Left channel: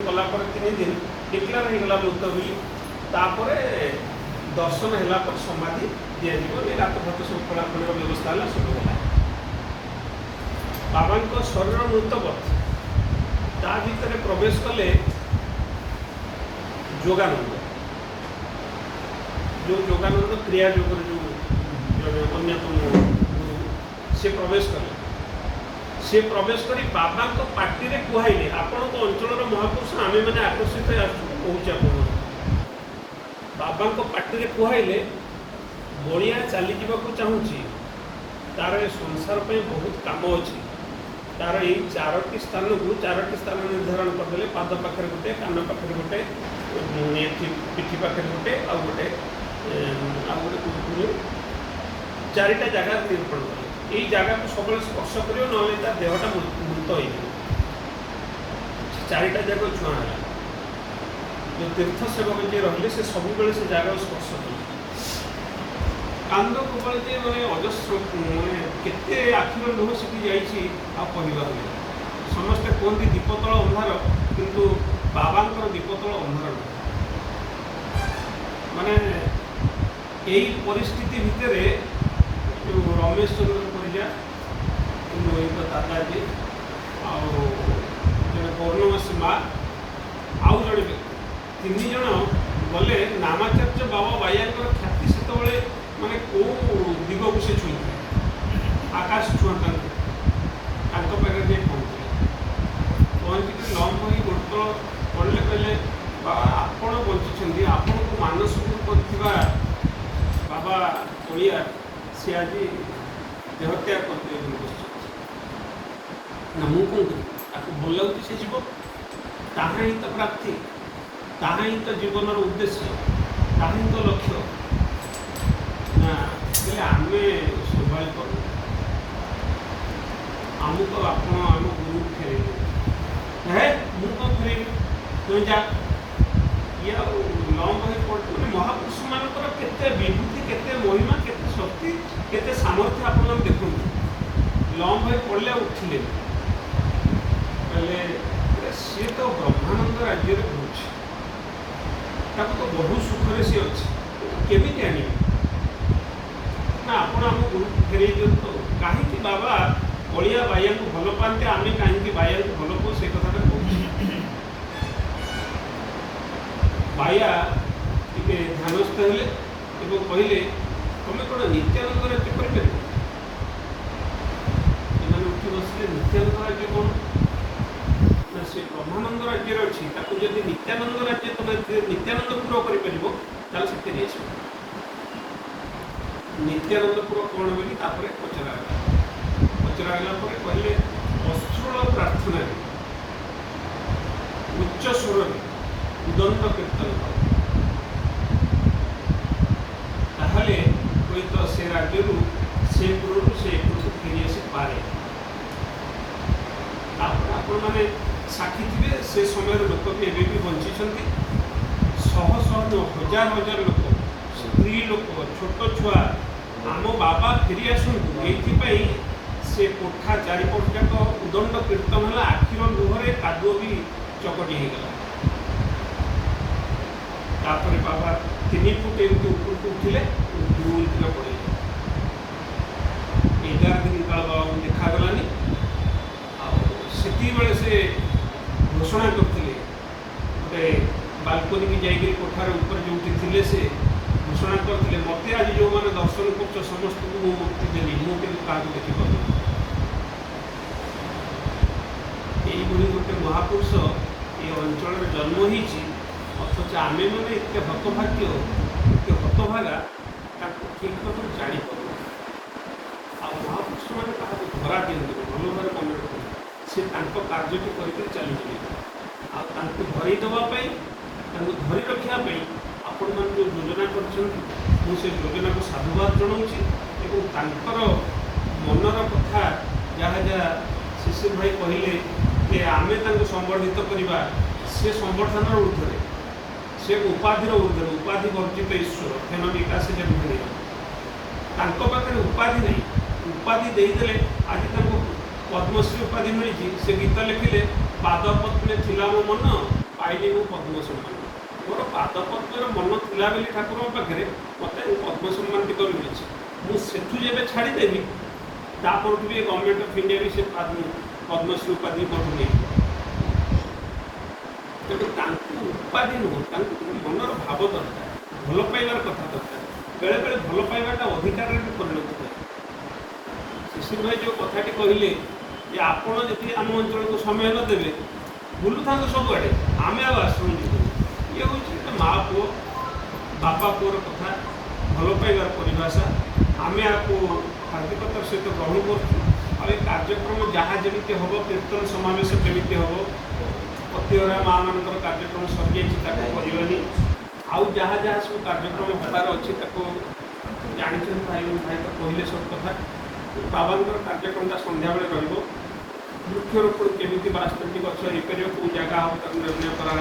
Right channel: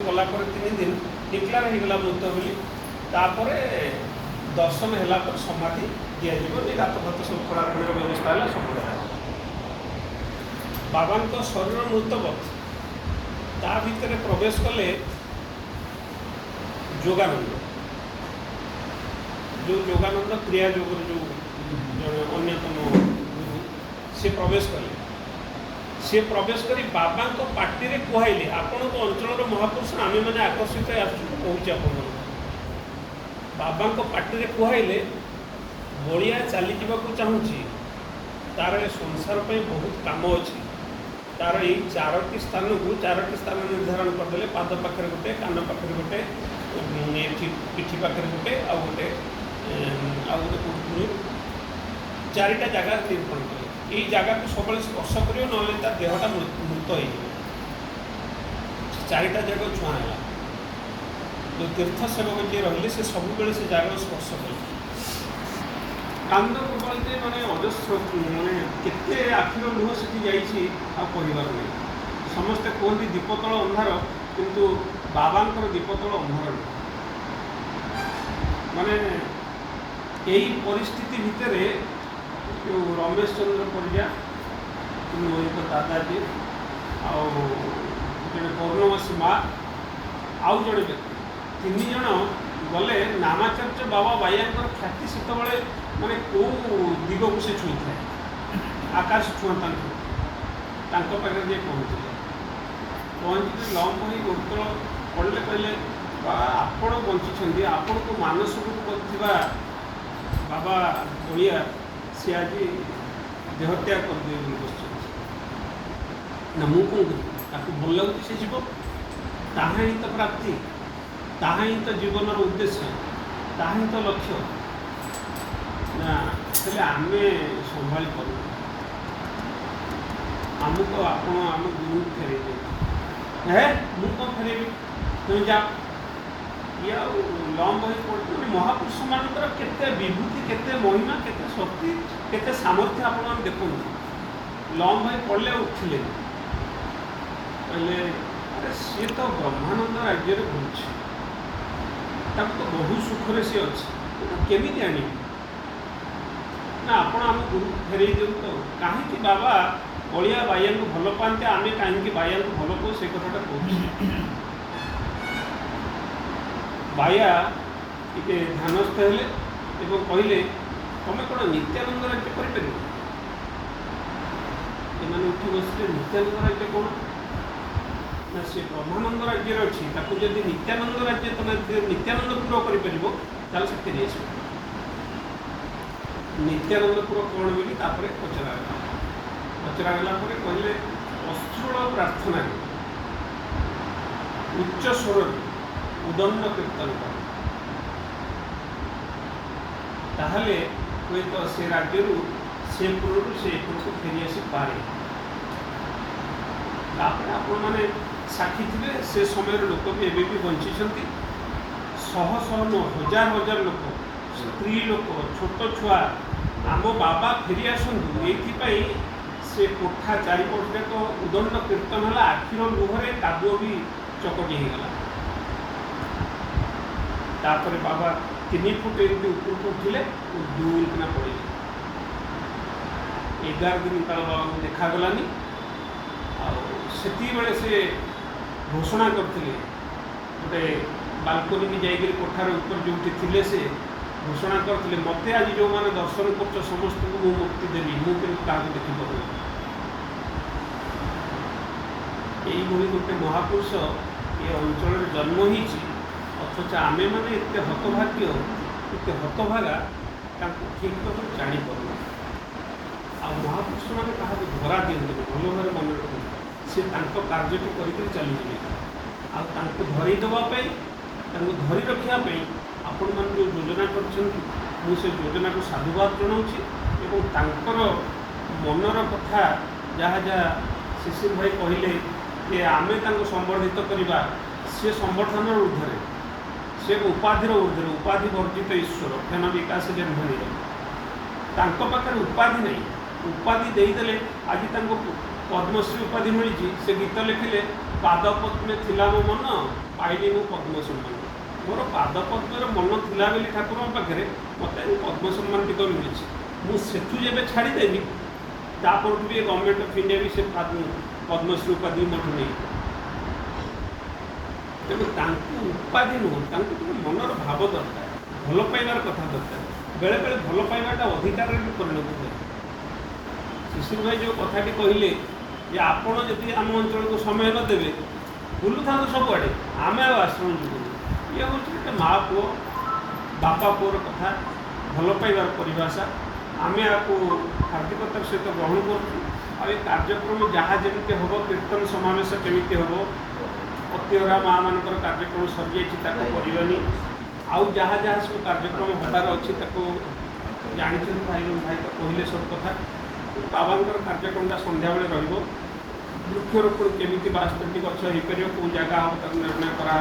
गलापर 3 दिन डिक्लेयर होगा मृत बोली तापर दर्शन है समाधि दिज्व रात भात सब पढ़ापढ़ी व्यवस्था है सब है बाबा शरीर मृतवत ता भितर प्रवेश कले जोगानंद जो जोगानंद क्रिया योग जो अन्यतम गुरु से प्रवेश कले सी प्रवेश कर बाबा पार्टी में कहले आपण अंचल महापुरुष आम मैंने आकर्षित कहूँ बाबा पार्टी में कहले बलिया चली जावाक चाहूँगी तार संसार पर बहुत कम अच्छी तार ये 4टी स्थान को 4टी स्थान निर्धारण करदे पाद पाखे गोटे कान पाखे गोटे पिठी पाखे गोटे आ गोटे चारिटा जगह निरूपण कले ये जगह को सब स्पर्श कर ना देहटा मृत हो 4टा जगह छुआ है जो तीर्थ सेवक जी रही से सब से जगह स्पर्श कले कांद प्रबल जे मैंने अजस्र मैंने केते आखिर लुह से कहबार नहीं समस्ते कहते दीपतल अंधार किंतु बाबांकर दीपतल अंधार माने यही परिस्थिति भितर जो रमेश चंद्र परिजा मोहित दादाजी आने पौर्णमासी माँ आउ जड़े व्यक्ति 3 जन गले नामाचार्य बाबा बाइयांकर ख्याति से माने कौ दिग को से छुई आकाश छुआ पाखे जाए पहुँचे लंब हो गोड़तल पड़े कहले आपण बंची आपण को मानसिक बाबा ओडिया सी आज देहत्याग करदे ना मु कौन करी भल लगे से जीव ताहा ही तो प्राप्ति ताहा ही तो जीवन उद्देश्य ताहा ही तो लक्ष्य ना आम संभा कर आमको आप गुरु फेरे है मुझे कौन फेरबी तुम जा ये लंब हो पड़े महापुरुष मानकर केते विभूति केते महिमा केते शक्ति केते सामर्थ्य आप देखो लंब हो पड़े उठिले कहले अरे सी तो ब्रह्मानंद राज्य घूर्च तो बहु सुखरे सी अच्छे केमी आने ना आप गुरु फेरे दिंतु कहीं बाबा बलिया बाइया को भल पाते आम कहीं बाइया को भल पाऊ से कथा कहूँ बाया टे ध्यानस्थ हेले कहले तुम कौन नित्यानंद राज्य कर उठी बसले नित्यानंद राज्य कौन ना सी ब्रह्मानंद राज्य अच्छी जब नित्यानंद राज्य तुम नित्यानंदपुर कर नित्यानंदपुर कौन बोली पचरागला कहले अश्रुल प्रार्थना उच्च स्वर उदंड कीर्तन ताहले कोई तो से राज्य से पुर से को फेरी आसी पारे आपण मैंने साक्षी थे से समय लोक भी एवं भी बंची शह शह हजार हजार लोक स्त्री लोक छोट छुआ आम बाबा फेरी आसतु ये से कोठा चारिपट जाक उदंड कीर्तन है आखिर लुहरे कादुओ भी चकटी होगला तापर बाबा 3 फुट एमती ऊपर को उठिले दूलकिना पड़े 11 दिन काल बाबा को देखागलानी से से घोषणा करते गोटे बालकोनी की जाइए कोठार ऊपर जो थे से घोषणा करते मत आज जो मैंने दर्शन कर समस्त को मु मुक्ति देली मुझे क्या देखिपार यही गोटे महापुरुष ये अंचल जन्म हो अथच आमे मैंने एत हतभाग्य एत हतभागा ठीक भाव जापर आ महापुरुष मैंने क्या धरा दिखते भल भाव मन रखते सी कार्य को चलुचे धरीदेवाई धरी रखापी आपण मान जो योजना कर योजना को साधुवाद जनाऊँगी मनर कथा जहाँ जहाँ शिशिर भाई कहले कि आमे संबर्धित करवा से संबर्धन ऊर्धे से उपाधिर ऊर्धे उपाधि वर्जित ईश्वर ध्यान विकास जन्मणी पाखे उपाधि नहीं उपाधि देदेले आज पद्मश्री उपाधि मिली से गीत लिखिले पाद पद्मे थिला मो मन पाइली मु पद्म सम्मान मोर पाद पद्मर मन थिला बेली ठाकुर पाखे मत पद्म सम्मान टिक मिली मुझे जब छाड़देवी तापर भी गवर्नमेंट ऑफ इंडिया भी से पद्मश्री उपाधि मत नहीं तेणु उपाधि नुह मनर भाव दरकार भल पाइबार कथा दरकार बेले बेले भल पाइबाटा अधिकार में परिणत हुए शिशिर भाई जो कथाटी कहले जे आपण जी आम अंचल को समय न देवे बुलू था सब आड़े आम आश्रम जीव ये हूँ गोटे माँ पुओ बापा पुओर कथा भल पाइबार परिभाषा आम आपको हार्दिकतार सहित ग्रहण करूँ कार्यक्रम जहाँ जमी हम कीर्तन समावेश केमी हम प्रतिहरा माँ मानकर कार्यक्रम सरी जानी आउ जहाँ जहाँ सब कार्यक्रम हबार अच्छी जानी भाई भाई तो कहले सब कथा बाबांकर कार्यक्रमटा संध्या बेले रहिबो वृक्षरोपण केमी बास्तोटी गछ होपर कौ जगह हम निर्णय करा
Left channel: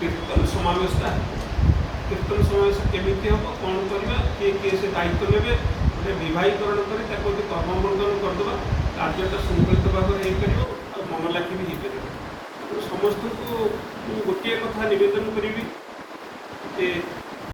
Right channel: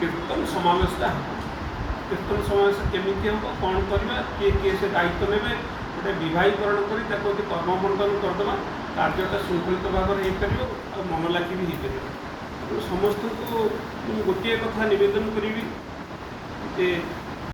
कीर्तन समावेशटा कीर्तन समावेश केमी हम कौन करवा किए किए से दायित्व ने गोटे विवाहीकरण कर कर्मबंधन करदे कार्यटा शृंखलित भाव में हो मन लाखी भी हो पार समस्त को गोटे कथा नवेदन करी